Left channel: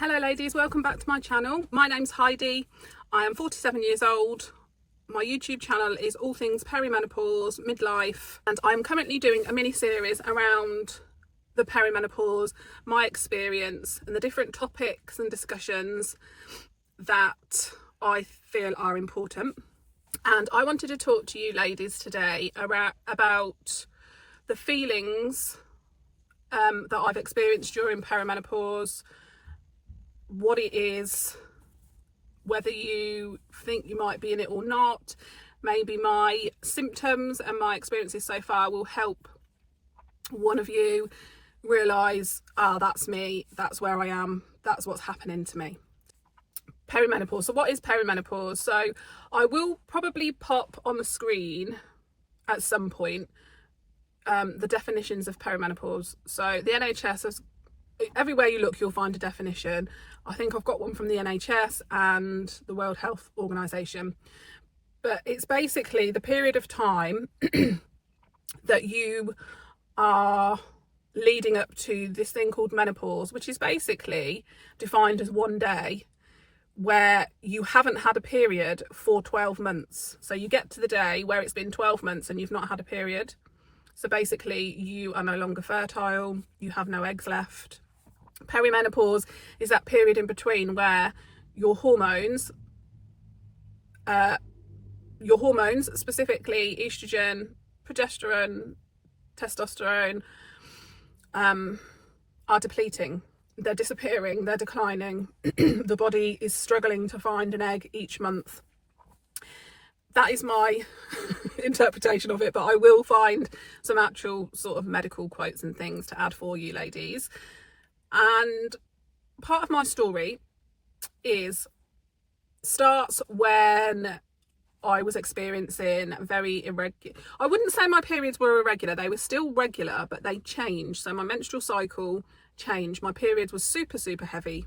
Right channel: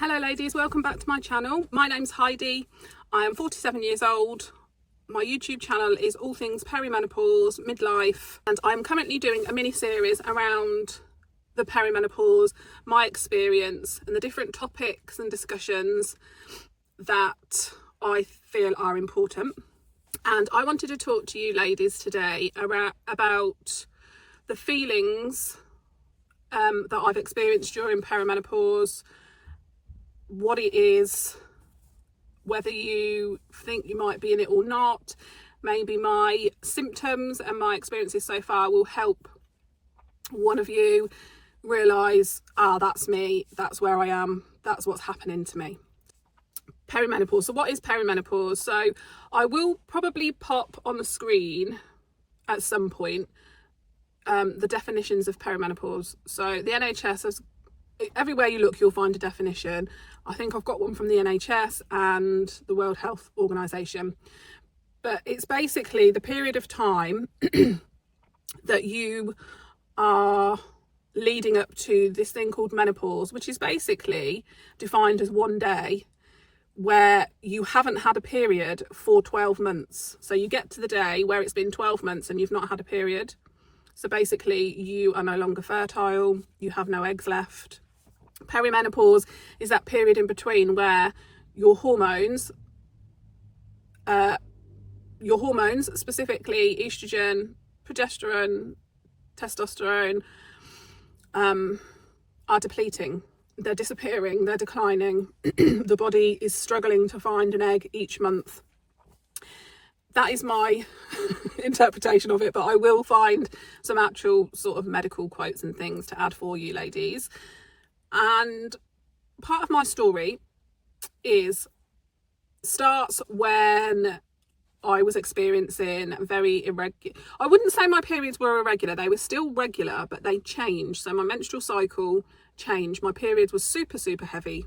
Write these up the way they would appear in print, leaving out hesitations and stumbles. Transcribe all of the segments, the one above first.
Hello ladies, welcome back to my channel. My name's Heidi. I am 47 years old. My YouTube channel is all things perimenopause, midlife, and I'm currently doing a mini series around the perimenopause, my experience and the different topics and discussions that I feel are important. And I wanted to talk to you ladies today about the feelings that I've experienced during perimenopause, what it is, whether you think you might be in it or not. Maybe my symptoms and my experiences so far will help one of you realise, that's me, that's where I am, that's what's happening to me. Perimenopause. So what is perimenopause? So I will probably pop on the screen at some point the definitions of perimenopause. So the NHS has, everywhere you look you'll find a definition. I think I've got one from the NHS and the World Health Organization, but it's basically the period of time that you are leading up to this thing called menopause, which is basically defined as one day where you haven't had a period for 12 months. So you get to the day where it's been 12 months and you've not had a period. So basically you are no longer fertile, you have no eggs left. Perimenopause is that period in between where your hormones, specifically estrogen, progesterone, testosterone, are depleting. They're disappearing, they're declining. The body is struggling to find an egg each month. That is my interpretation of it, but I will find some actual sort of medical quotes and things to add for you ladies. And part of my story starts when I was experiencing very irregular. I wouldn't say my periods were irregular, they were still regular, but they changed. So my menstrual cycle changed. My periods was super heavy,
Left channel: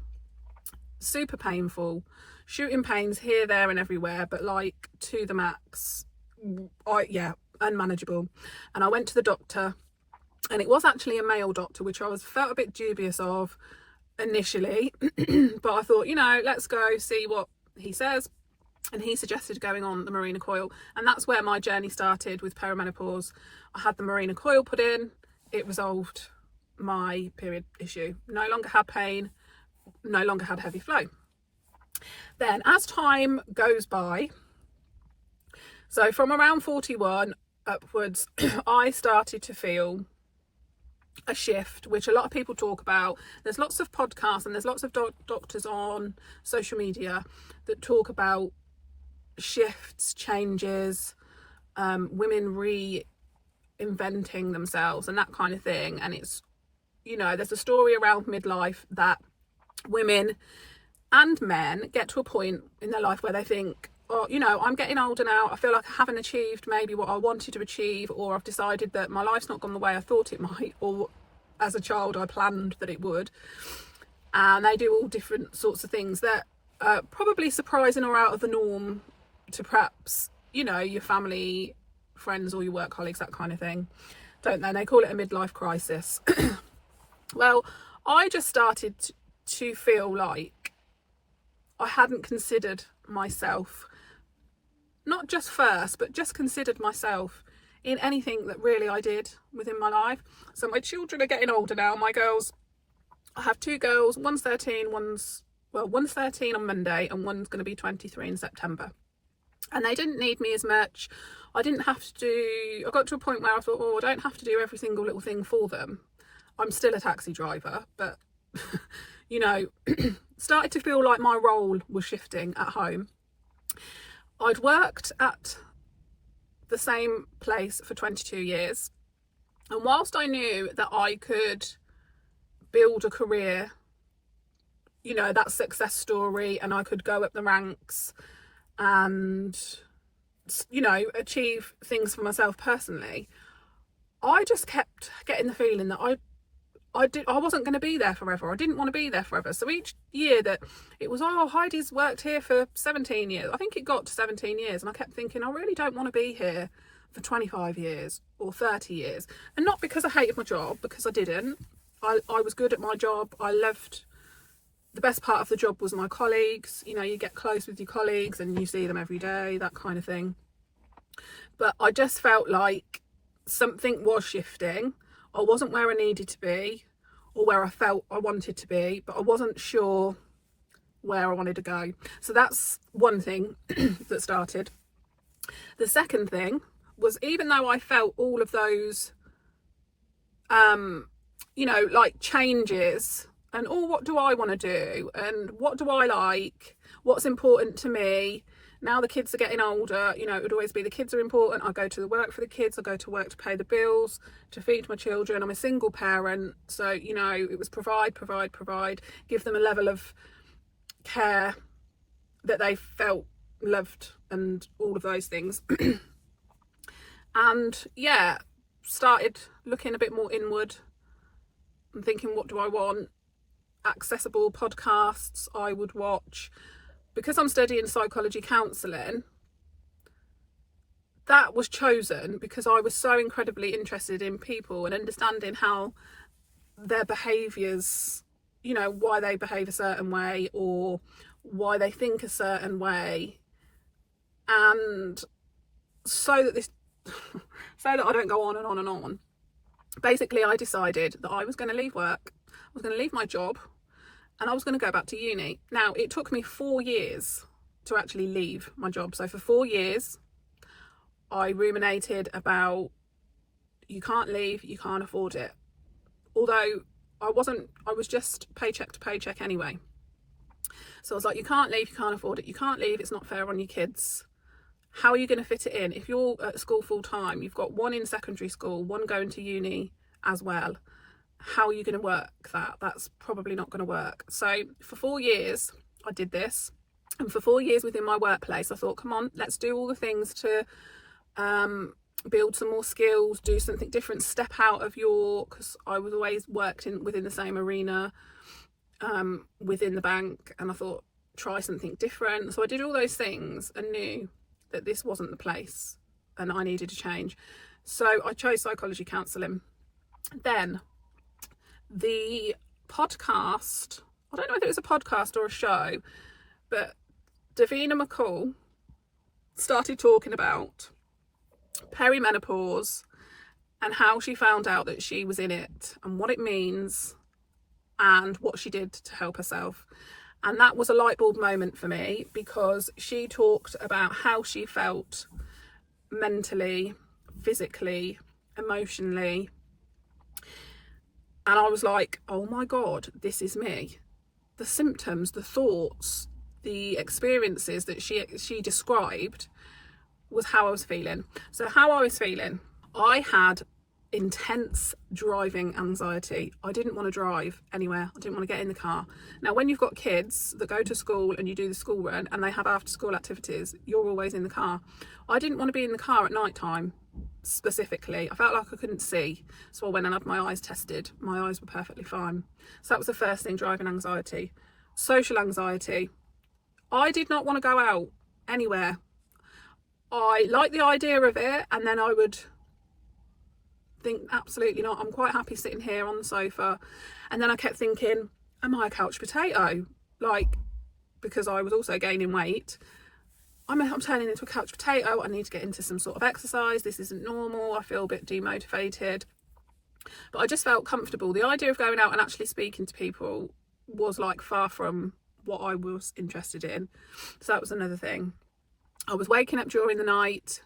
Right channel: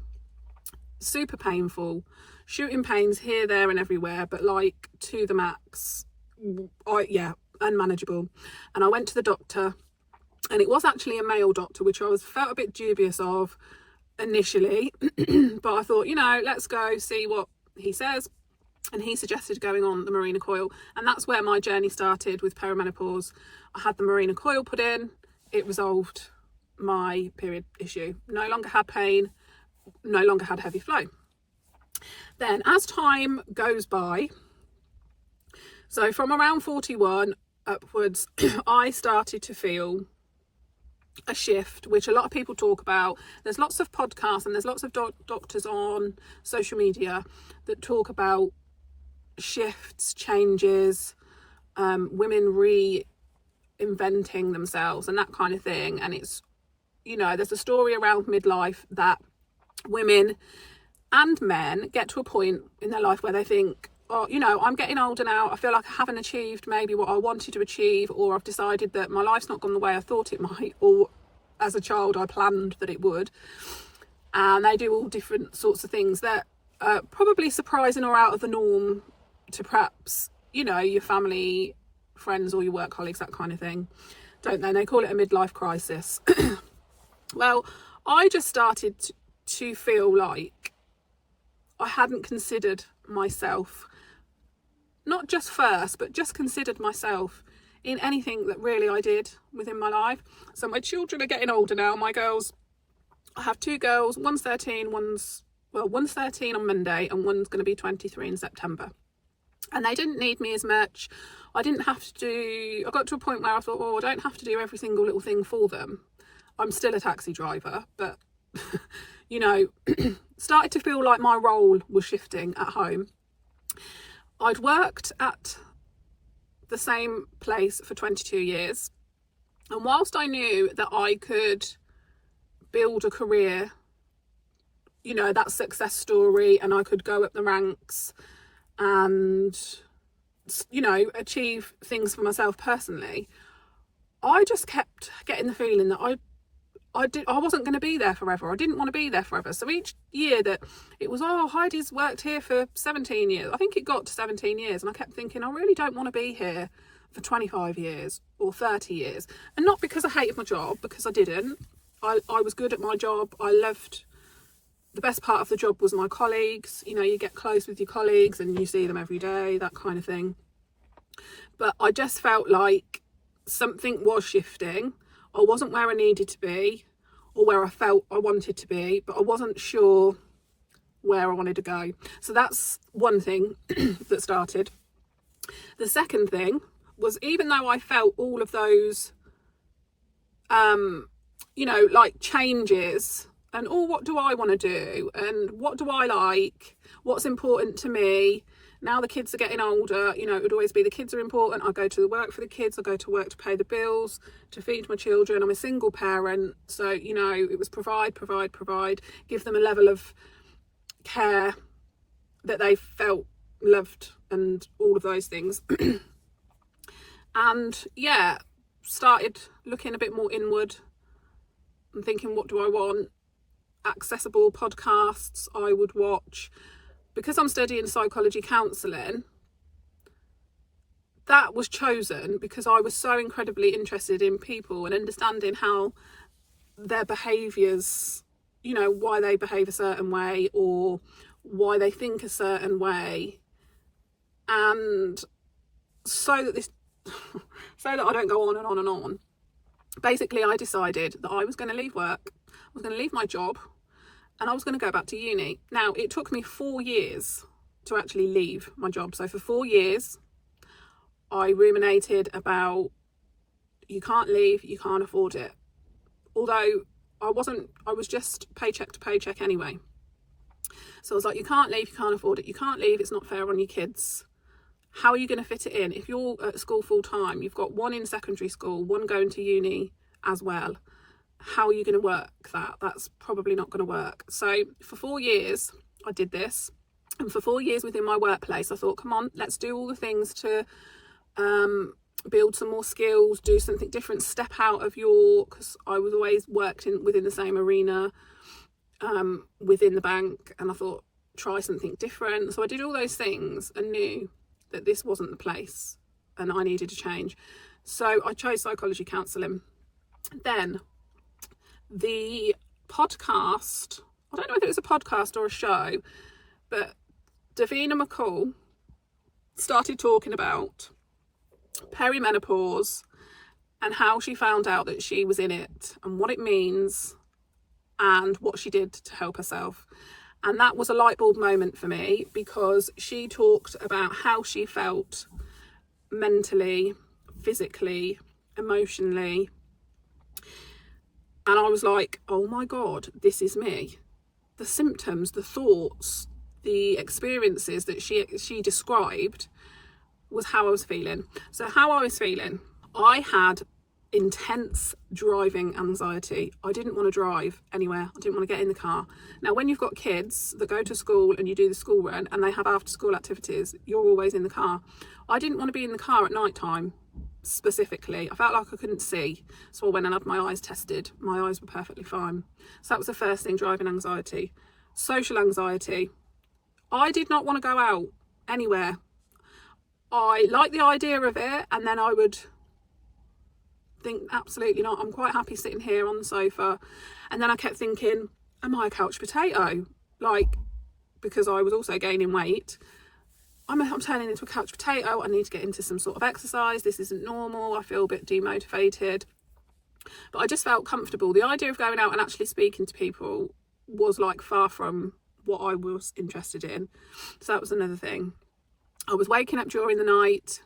super painful, shooting pains here, there and everywhere, but like to the max. Unmanageable. And I went to the doctor, and it was actually a male doctor, which I felt a bit dubious of initially, but I thought, let's go see what he says. And he suggested going on the Mirena coil, and that's where my journey started with perimenopause. I had the Mirena coil put in, it resolved my period issue. No longer had pain, no longer had heavy flow. Then as time goes by, so from around 41 upwards, I started to feel a shift, which a lot of people talk about. There's lots of podcasts and there's lots of doctors on social media that talk about shifts, changes, women reinventing themselves and that kind of thing. And it's, there's a story around midlife that women and men get to a point in their life where they think, I'm getting older now, I feel like I haven't achieved maybe what I wanted to achieve, or I've decided that my life's not gone the way I thought it might, or as a child I planned that it would. And they do all different sorts of things that are probably surprising or out of the norm to perhaps, your family, friends or your work colleagues, that kind of thing, don't they? They call it a midlife crisis. Well, I just started to feel like I hadn't considered myself, not just first, but just considered myself in anything that really I did within my life. So my children are getting older now. My girls, I have two girls, one's 13, one's 13 on Monday, and one's going to be 23 in September. And they didn't need me as much. I didn't have to do, I got to a point where I thought, I don't have to do every single little thing for them. I'm still a taxi driver, but started to feel like my role was shifting at home. I'd worked at the same place for 22 years, and whilst I knew that I could build a career, that success story, and I could go up the ranks and achieve things for myself personally, I just kept getting the feeling that I wasn't going to be there forever. I didn't want to be there forever. So each year that it was, Heidi's worked here for 17 years. I think it got to 17 years. And I kept thinking, I really don't want to be here for 25 years or 30 years. And not because I hated my job, because I didn't. I was good at my job. I loved the best part of the job was my colleagues. You know, you get close with your colleagues and you see them every day, that kind of thing. But I just felt like something was shifting. I wasn't where I needed to be or where I felt I wanted to be, but I wasn't sure where I wanted to go. So that's one thing that started. The second thing was, even though I felt all of those, you know, like changes and, oh, what do I want to do? And what do I like? What's important to me? Now the kids are getting older, you know, it would always be the kids are important. I go to work for the kids. I go to work to pay the bills, to feed my children. I'm a single parent. So, you know, it was provide, give them a level of care that they felt loved and all of those things. And yeah, started looking a bit more inward and thinking, what do I want? Accessible podcasts I would watch. Because I'm studying psychology counselling, that was chosen because I was so incredibly interested in people and understanding how their behaviours, you know, why they behave a certain way or why they think a certain way. And so that I don't go on and on and on, basically I decided that I was going to leave work, I was going to leave my job, and I was going to go back to uni. Now, it took me 4 years to actually leave my job. So for 4 years, I ruminated about, you can't leave, you can't afford it. Although I was just paycheck to paycheck anyway. So I was like, you can't leave, you can't afford it. You can't leave, it's not fair on your kids. How are you going to fit it in? If you're at school full time, you've got one in secondary school, one going to uni as well. How are you going to work that? That's probably not going to work. So for 4 years, I did this. And for 4 years within my workplace, I thought, come on, let's do all the things to build some more skills, do something different, step out of because I was always worked within the same arena, within the bank. And I thought, try something different. So I did all those things and knew that this wasn't the place and I needed to change. So I chose psychology counselling. Then the podcast, I don't know if it was a podcast or a show, but Davina McCall started talking about perimenopause and how she found out that she was in it and what it means and what she did to help herself. And that was a light bulb moment for me, because she talked about how she felt mentally, physically, emotionally. And I was like, oh my God, this is me. The symptoms, the thoughts, the experiences that she described was how I was feeling. So how I was feeling, I had intense driving anxiety. I didn't want to drive anywhere. I didn't want to get in the car. Now, when you've got kids that go to school and you do the school run and they have after school activities, you're always in the car. I didn't want to be in the car at night time specifically. I felt like I couldn't see. So I went and had my eyes tested. My eyes were perfectly fine. So that was the first thing, driving anxiety. Social anxiety. I did not want to go out anywhere. I liked the idea of it, and then I would think, absolutely not, I'm quite happy sitting here on the sofa. And then I kept thinking, am I a couch potato? Like, because I was also gaining weight, I'm turning into a couch potato. I need to get into some sort of exercise. This isn't normal. I feel a bit demotivated. But I just felt comfortable. The idea of going out and actually speaking to people was like far from what I was interested in. So that was another thing. I was waking up during the night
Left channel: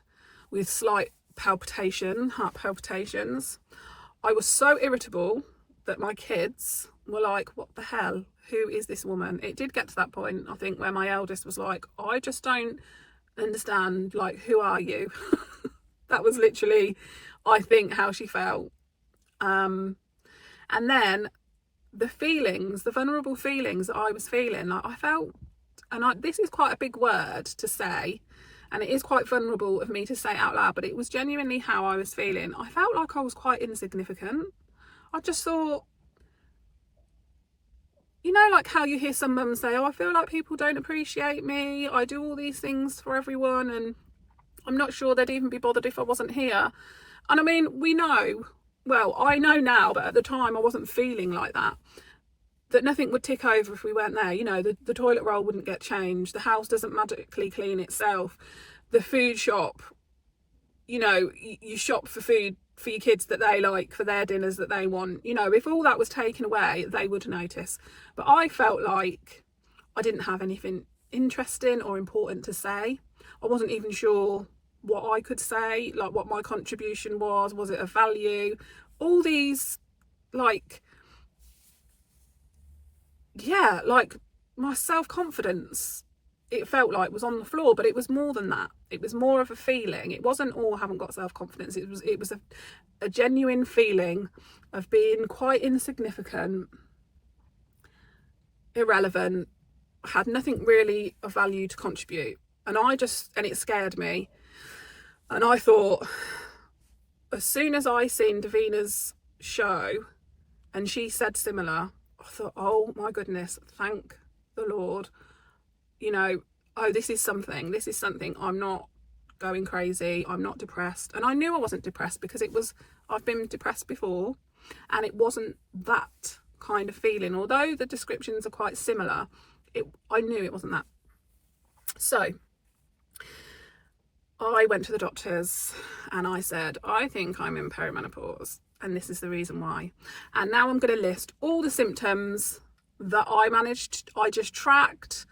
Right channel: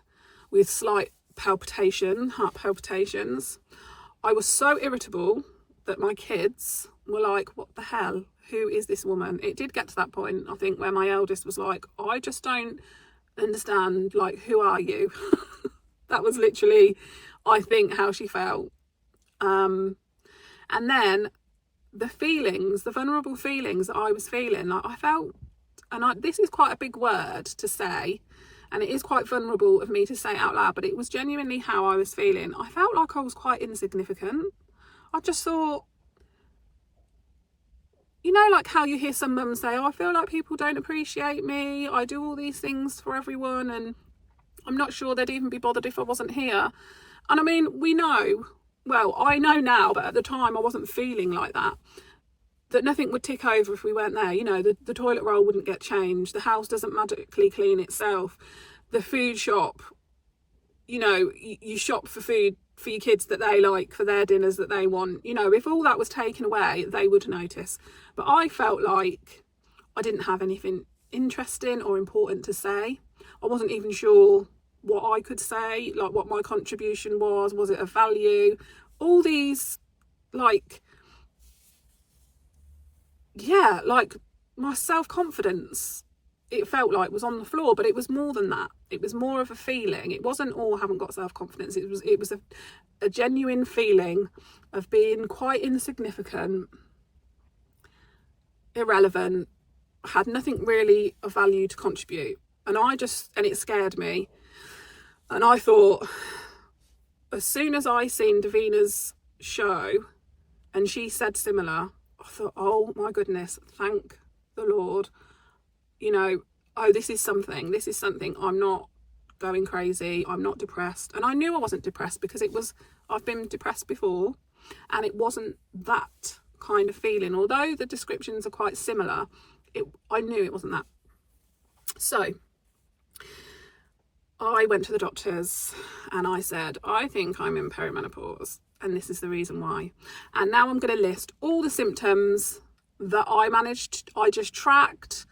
with slight heart palpitations. I was so irritable that my kids were like, what the hell? Who is this woman? It did get to that point, I think, where my eldest was like, I just don't understand, like, who are you? That was literally, I think, how she felt. And then the feelings, the vulnerable feelings that I was feeling, like I felt, and this is quite a big word to say, and it is quite vulnerable of me to say out loud, but it was genuinely how I was feeling. I felt like I was quite insignificant. I just thought, you know, like how you hear some mums say, oh, I feel like people don't appreciate me. I do all these things for everyone and I'm not sure they'd even be bothered if I wasn't here. And I mean, we know, well, I know now, but at the time I wasn't feeling like that. that nothing would tick over if we weren't there. You know, the toilet roll wouldn't get changed. The house doesn't magically clean itself. The food shop, you know, you shop for food for your kids that they like, for their dinners that they want. You know, if all that was taken away, they would notice. But I felt like I didn't have anything interesting or important to say. I wasn't even sure what I could say, like what my contribution was it of value? All these, like, yeah, like my self-confidence, it felt like was on the floor, but it was more than that. It was more of a feeling. It wasn't, oh, I haven't got self-confidence. It was a genuine feeling of being quite insignificant, irrelevant, had nothing really of value to contribute. And it scared me. And I thought, as soon as I seen Davina's show and she said similar, I thought, oh my goodness, thank the Lord. You know, oh, this is something. I'm not going crazy. I'm not depressed. And I knew I wasn't depressed because I've been depressed before, and it wasn't that kind of feeling. Although the descriptions are quite similar, I knew it wasn't that. So I went to the doctors and I said, I think I'm in perimenopause, and this is the reason why. And now I'm going to list all the symptoms that I just tracked,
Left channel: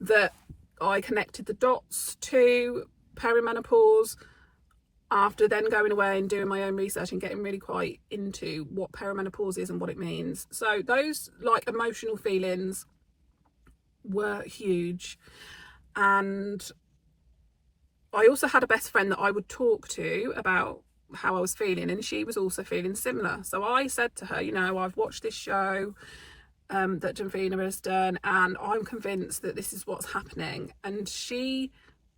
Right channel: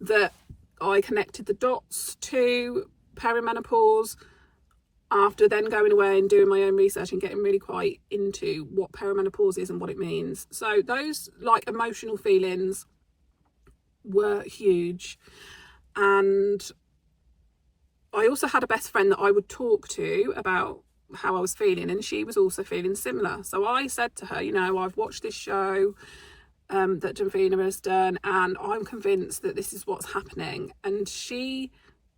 that I connected the dots to perimenopause, after then going away and doing my own research and getting really quite into what perimenopause is and what it means. So those, like, emotional feelings were huge. And I also had a best friend that I would talk to about how I was feeling, and she was also feeling similar. So I said to her, you know, I've watched this show that Davina has done, and I'm convinced that this is what's happening. And she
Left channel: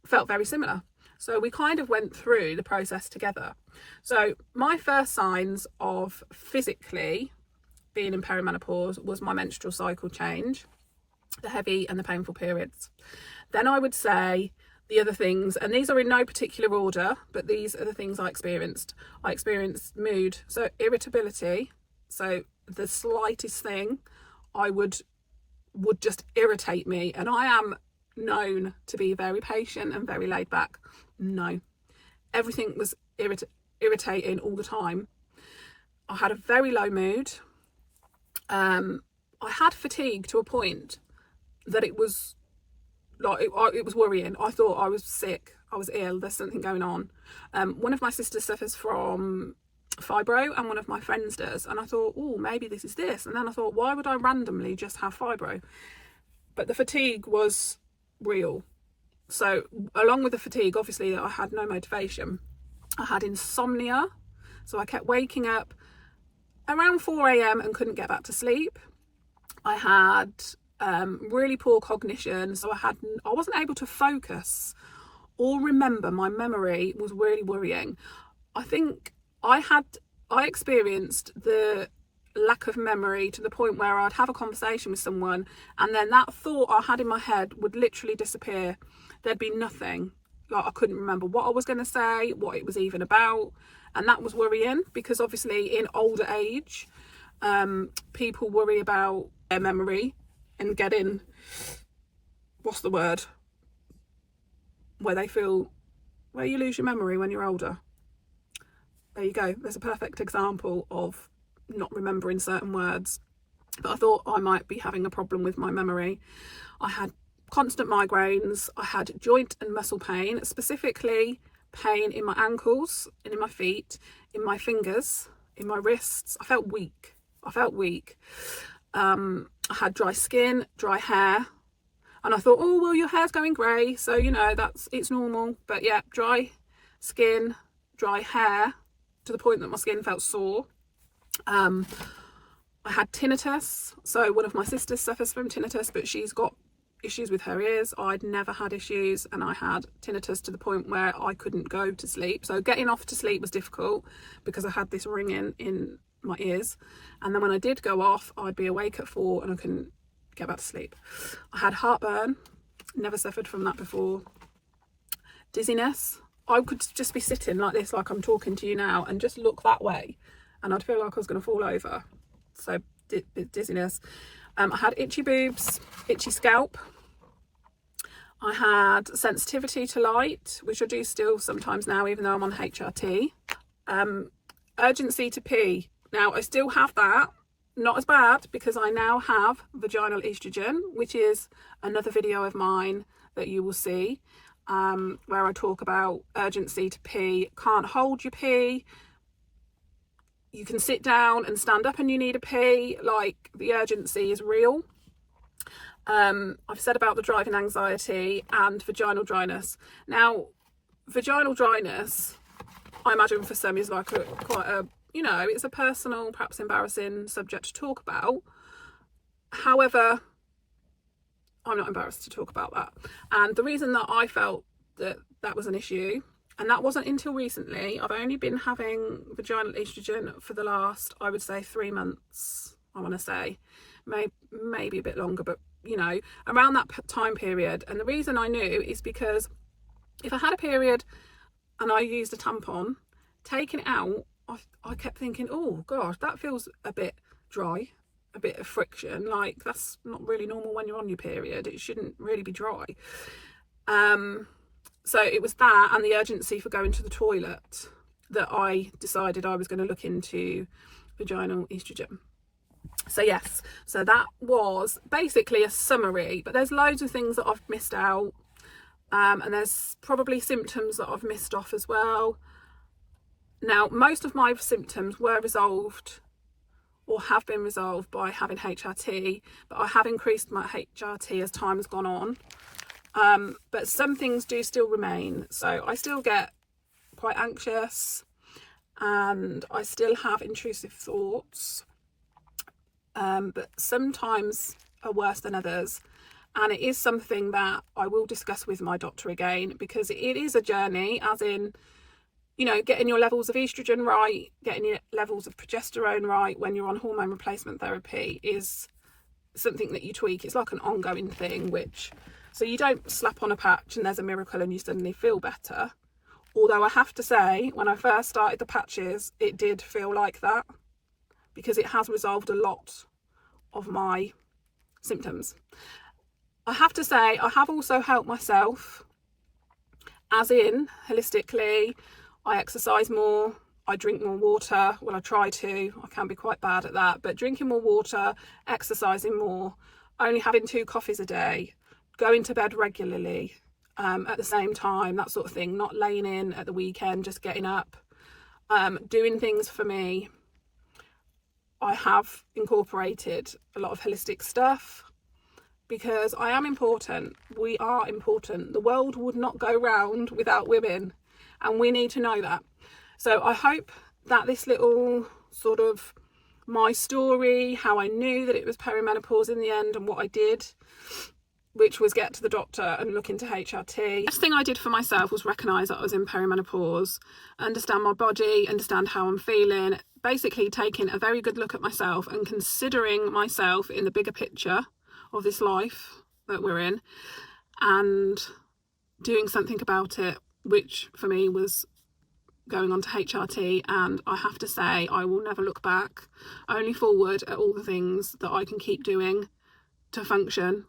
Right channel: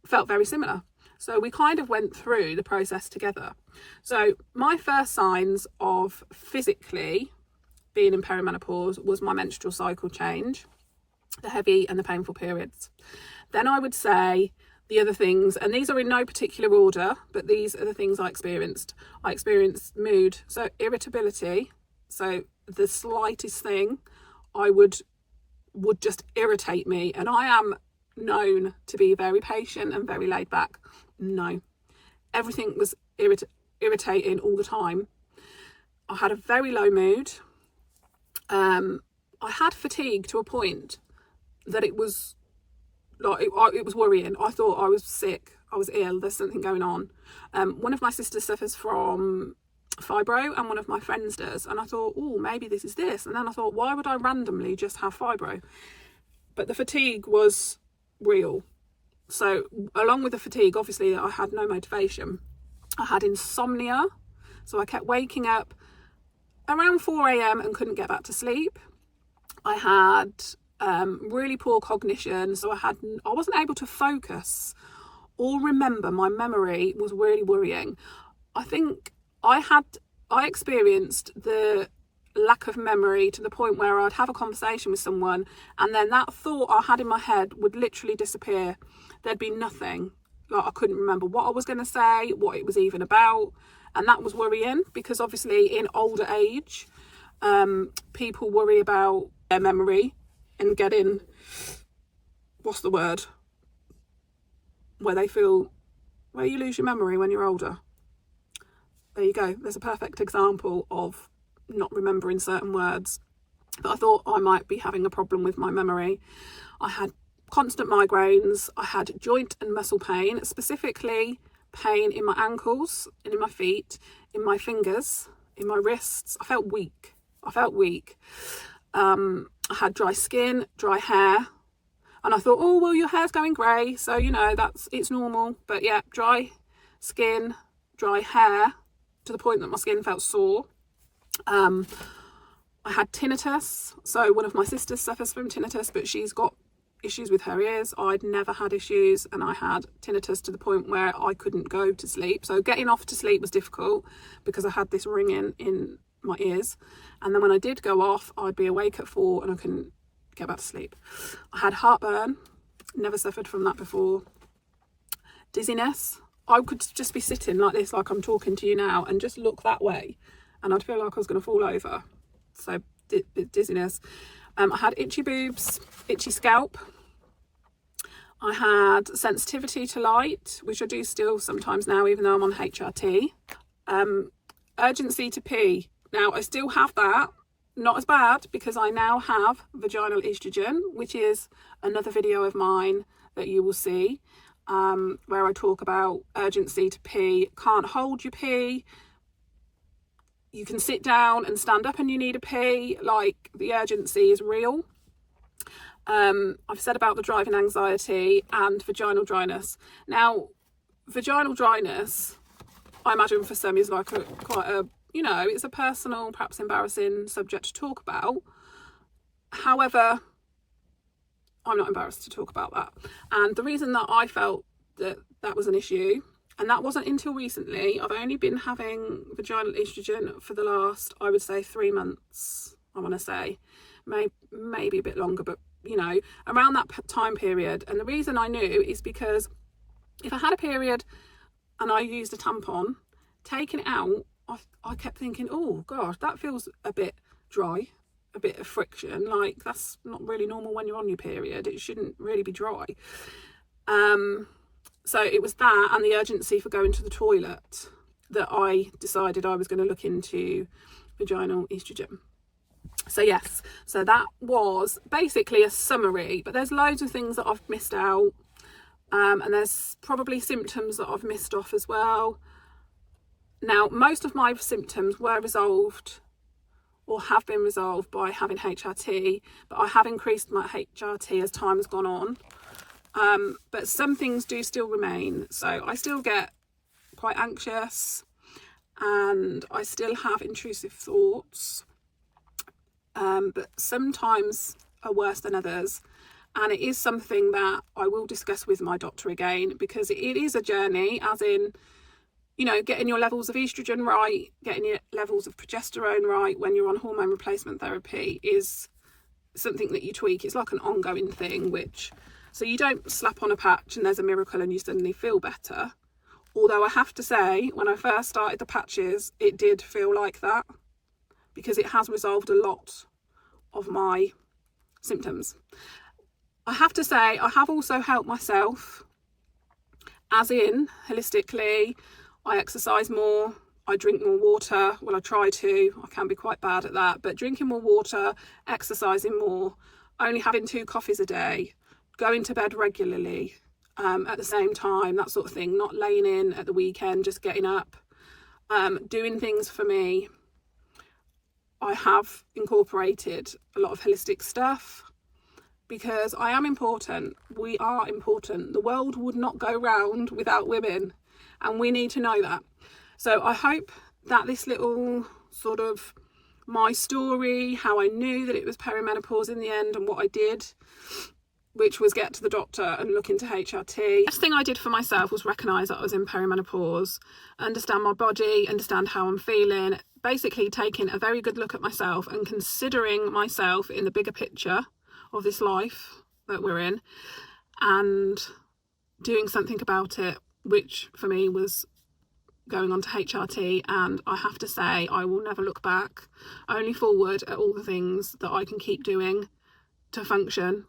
felt very similar. So we kind of went through the process together. So my first signs of physically being in perimenopause was my menstrual cycle change, the heavy and the painful periods. Then I would say the other things, and these are in no particular order, but these are the things I experienced. I experienced mood, so irritability. So the slightest thing would just irritate me, and I am known to be very patient and very laid back. No, everything was irritating all the time. I had a very low mood. I had fatigue to a point that it was like it was worrying. I thought I was sick, I was ill, there's something going on. One of my sisters suffers from fibro, and one of my friends does, and I thought, oh, maybe this is this. And then I thought, why would I randomly just have fibro? But the fatigue was real. So along with the fatigue, obviously, I had no motivation. I had insomnia, so I kept waking up around 4 a.m. and couldn't get back to sleep. I had really poor cognition, so I wasn't able to focus or remember. My memory was really worrying. I think I experienced the lack of memory to the point where I'd have a conversation with someone, and then that thought I had in my head would literally disappear. There'd be nothing. Like, I couldn't remember what I was going to say, what it was even about, and that was worrying, because obviously in older age, people worry about their memory and getting, what's the word, where you lose your memory when you're older. There you go. There's a perfect example of not remembering certain words. But I thought I might be having a problem with my memory. I had constant migraines. I had joint and muscle pain, specifically pain in my ankles and in my feet, in my fingers, in my wrists. I felt weak. I had dry skin, dry hair, and I thought, oh, well, your hair's going grey, so, you know, it's normal. But yeah, dry skin, dry hair, to the point that my skin felt sore. I had tinnitus. So one of my sisters suffers from tinnitus, but she's got issues with her ears. I'd never had issues, and I had tinnitus to the point where I couldn't go to sleep. So getting off to sleep was difficult because I had this ringing in my ears. And then when I did go off, I'd be awake at 4 and I couldn't get back to sleep. I had heartburn. Never suffered from that before. Dizziness. I could just be sitting like this, like I'm talking to you now, and just look that way, and I'd feel like I was going to fall over. So dizziness. I had itchy boobs, itchy scalp. I had sensitivity to light, which I do still sometimes now, even though I'm on HRT. Urgency to pee. Now, I still have that. Not as bad, because I now have vaginal estrogen, which is another video of mine that you will see, where I talk about urgency to pee. Can't hold your pee. You can sit down and stand up and you need a pee. Like, the urgency is real. I've said about the driving anxiety and vaginal dryness. Now, vaginal dryness, I imagine for some is like quite a, you know, it's a personal, perhaps embarrassing subject to talk about. However, I'm not embarrassed to talk about that. And the reason that I felt that that was an issue, and that wasn't until recently, I've only been having vaginal estrogen for the last, I would say, 3 months, I want to say. Maybe a bit longer, but you know, around that time period. And the reason I knew is because if I had a period and I used a tampon, taking it out, I kept thinking, oh gosh, that feels a bit dry, a bit of friction. Like, that's not really normal when you're on your period. It shouldn't really be dry. So it was that and the urgency for going to the toilet that I decided I was going to look into vaginal estrogen. So yes, so that was basically a summary, but there's loads of things that I've missed out, and there's probably symptoms that I've missed off as well. Now, most of my symptoms were resolved or have been resolved by having HRT, but I have increased my HRT as time has gone on. But some things do still remain. So I still get quite anxious and I still have intrusive thoughts. But sometimes are worse than others, and it is something that I will discuss with my doctor again, because it is a journey, as in, you know, getting your levels of estrogen right, getting your levels of progesterone right when you're on hormone replacement therapy is something that you tweak. It's like an ongoing thing, so you don't slap on a patch and there's a miracle and you suddenly feel better. Although I have to say, when I first started the patches, it did feel like that, because it has resolved a lot of my symptoms. I have to say, I have also helped myself, as in, holistically, I exercise more, I drink more water. Well, I try to. I can be quite bad at that, but drinking more water, exercising more, only having 2 coffees a day, going to bed regularly at the same time, that sort of thing, not laying in at the weekend, just getting up, doing things for me. I have incorporated a lot of holistic stuff because I am important. We are important. The world would not go round without women, and we need to know that. So I hope that this little sort of my story, how I knew that it was perimenopause in the end and what I did, which was get to the doctor and look into HRT. The first thing I did for myself was recognise that I was in perimenopause, understand my body, understand how I'm feeling, basically taking a very good look at myself and considering myself in the bigger picture of this life that we're in and doing something about it, which for me was going on to HRT. And I have to say, I will never look back, only forward at all the things that I can keep doing to function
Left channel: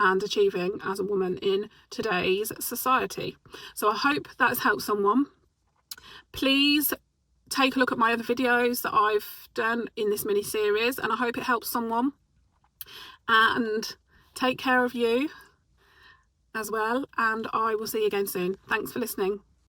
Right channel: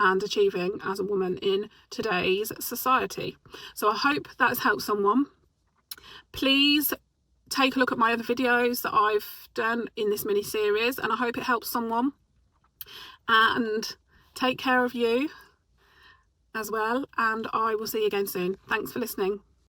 and achieving as a woman in today's society. So I hope that's helped someone. Please take a look at my other videos that I've done in this mini series, and I hope it helps someone. And take care of you as well, and I will see you again soon. Thanks for listening.